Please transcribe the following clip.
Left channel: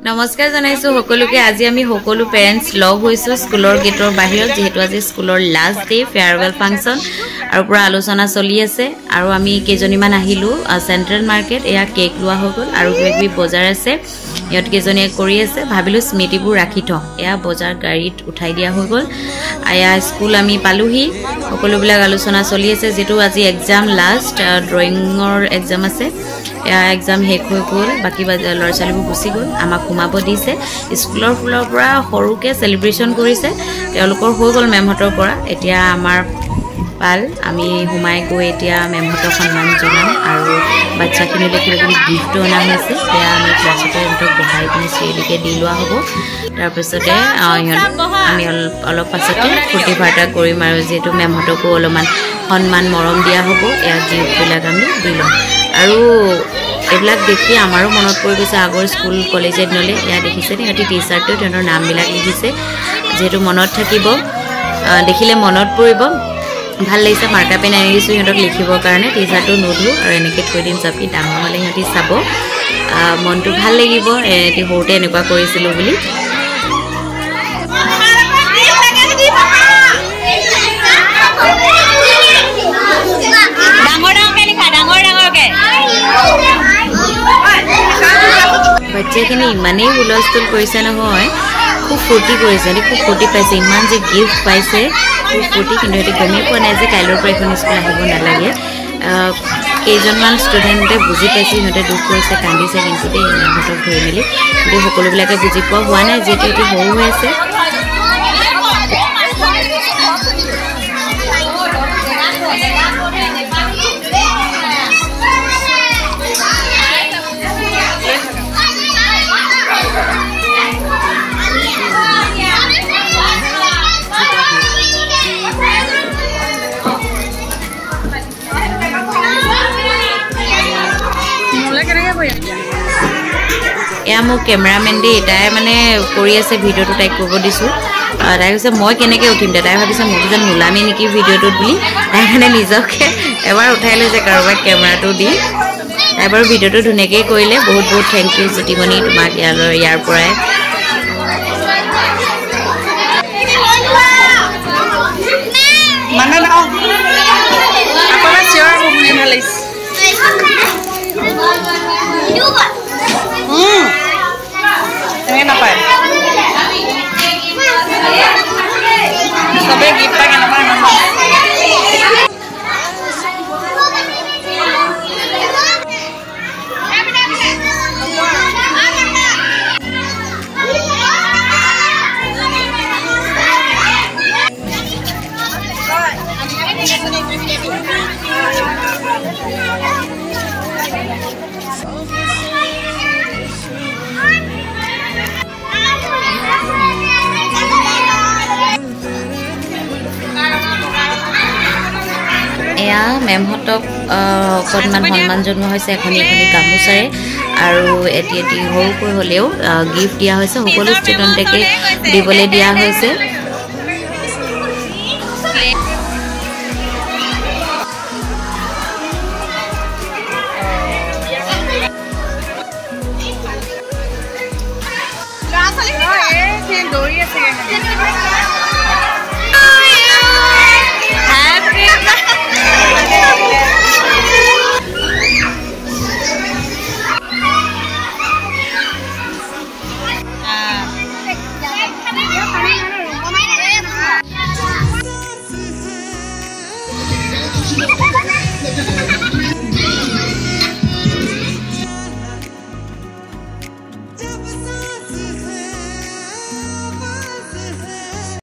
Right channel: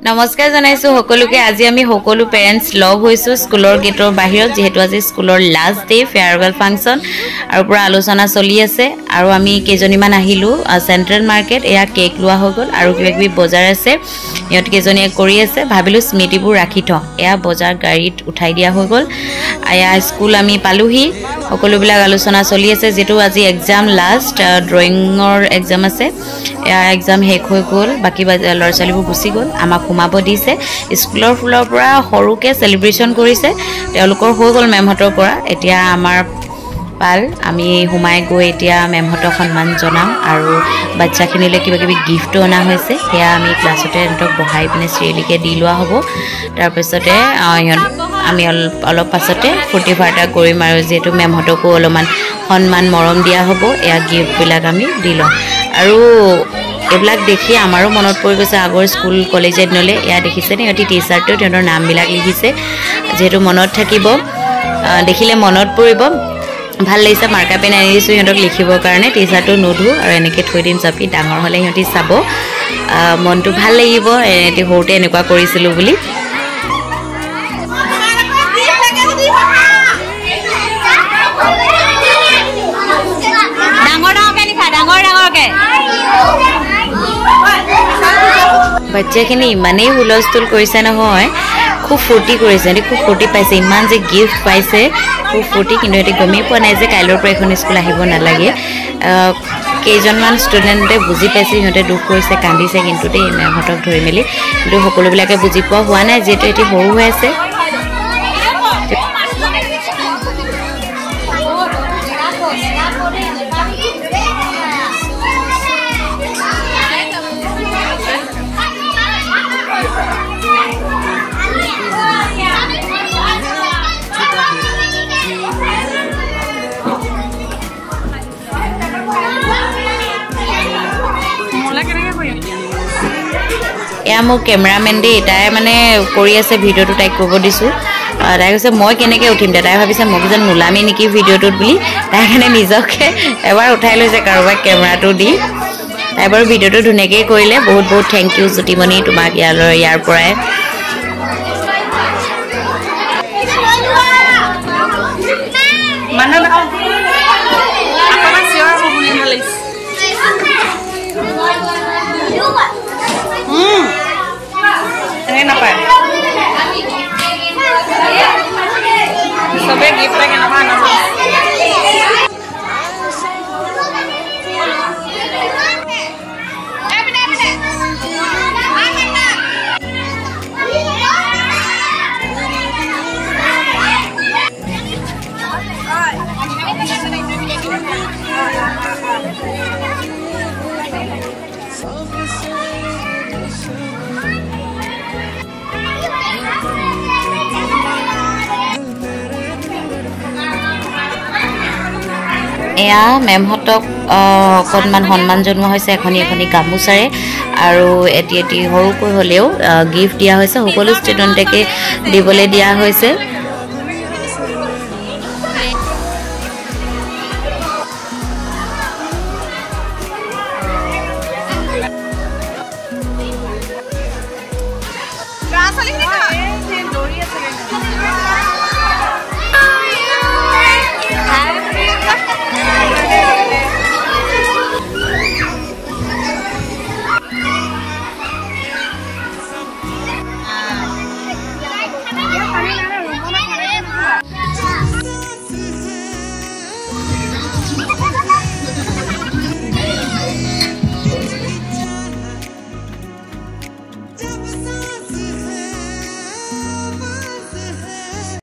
নমস্কাৰ জনাইছো সকলোকে আজি আমি সকলো পেৰেন্টস লগ হৈছো স্কুলৰ গেটৰ বাহিৰত যেহেতু আজি স্কুলৰ লাষ্ট ডে ফেয়াৰৱেল ফাংচন আৰু পুৰা আলোচনা চলি আছে আৰু আমি কেজনীমান আহিলো সেন্ট্ৰেল মাৰ্কেট এয়া কেক লোৱা হৈ গল আৰু কিবি বজাৰ আছে ইহঁত কেজনীয়ে কৰি আছে ভাবিলো স্মৃতিবোৰ ৰাখি থওঁ এয়া বজাৰ গাড়ীত উঠাই দিয়া হৈ গল আয়া স্কুল আমি পালোহি সকলোবিলাক আলোচনা চলি আছে যেটো আজি এক্সাম লাষ্ট ড্ৰয়িংৰ এক্সাম আছে এয়া এক্সাম শেষ হৈ গল বাকি লৰচালিবোৰ গুছি গল আমাক ঘুমাব দিছে স্কুলৰ ফুলৰ পৰা সৰুকে সেলিব্ৰেশন কৰিছে তেওঁলোকৰ হৈ গল মেমহতৰ পৰা এতিয়া আমাৰ পাল আমি হুমাই গৈ এতিয়া মেমহতৰ সন্মান জনাম আৰু বাচ্চাখিনিলে কিবা গিফ্ট অনা হৈছে সেয়া আমি ক্লাছতে এন্তক বহাই পিনে শ্ৰীলিকে দি লোৱা হ'ব তাৰ পিছতে আমি অলপ পাছতে ফূৰ্তি ফাৰ্তা কৰিম আৰু যেহেতু মেমহতকো অলপমান সন্মান মৰম দিয়া হ'ব এয়া গিফ্টবিলাক আমি দি লম আৰু এবিলাক দেখি আমাৰো মনত পৰি গৈছে আগৰ স্কুল কলেজে দিনলে এয়া দেখিছে নে এটি টি-শাৰ্টটো তেওঁৰ নামবিলাক লিখিছে যেহেতু মনত থাকিব দেখিলে মনত পৰিব ভাল লাগিছে মাৰ্কা পেন আনিছো সিহঁতক লিখিবৰ কাৰণে টি-শাৰ্টটো নোধু আৰু এনেকৈ থৈ দিন চাপি ডাঙৰ হ'লে সিহঁতি চাব মনটো ভাল লাগিব এটি হওঁতে এনেকুৱা কৰিছিলো বুলি বাচ্চাখিনি ইমানেই হুলস্থুল কৰিছে নহয় খুব ফূৰ্তি কৰিছে খুব ফূৰ্তি পাইছে ইমান যে গিফ্ট পাইছে খুব ফূৰ্তি কিন্তু এটি গমেই পোৱা নাই যে কাইলৈৰ পৰা এখন স্কুল আহিব নালাগে কেইজনমান ষ্টুডেণ্টে বুজি পাইছে সিহঁতে দুখ কৰিছে কান্দিছে কিন্তু দেই মেমহঁতক ধৰি মেলি কিন্তু সকলোবিলাকে বুজি পোৱা হোৱা নাই যিহেতু এটি সৰু হৈ আছে এয়া মোৰ কেমেৰামেন দেই তাই মানে কৰি আছে ভিডিঅ'টো তাইক কৰিব দিছোঁ তাই কৈছে মই কেনেকৈ উঠিম তাই ভাবিছে মই যেন নোলামেই নেকি ভিডিঅ'টোত বুলি তাই মানে নিজকে এবাৰ উঠাই লৈছে কাৰোবাক কেমেৰাটো দি তাই বাৰু ভিডিঅ'টো ধুনীয়াকৈ কৰিলে বহুত বহুত থেংক ইউ জ্যোতিমণি তোমাক ইয়াৰ পৰাই napai sobe gift lagi nama nama এয়া মেমহতক অকণমান সন্মান জনোৱা হৈছে এখনি গামোচাৰে আৰু এটি সৰুকৈ হ'লেও গিফ্ট দিয়া হৈছে সকলো ষ্টুডেণ্টকে দিবলৈ দিয়া হৈছে Dori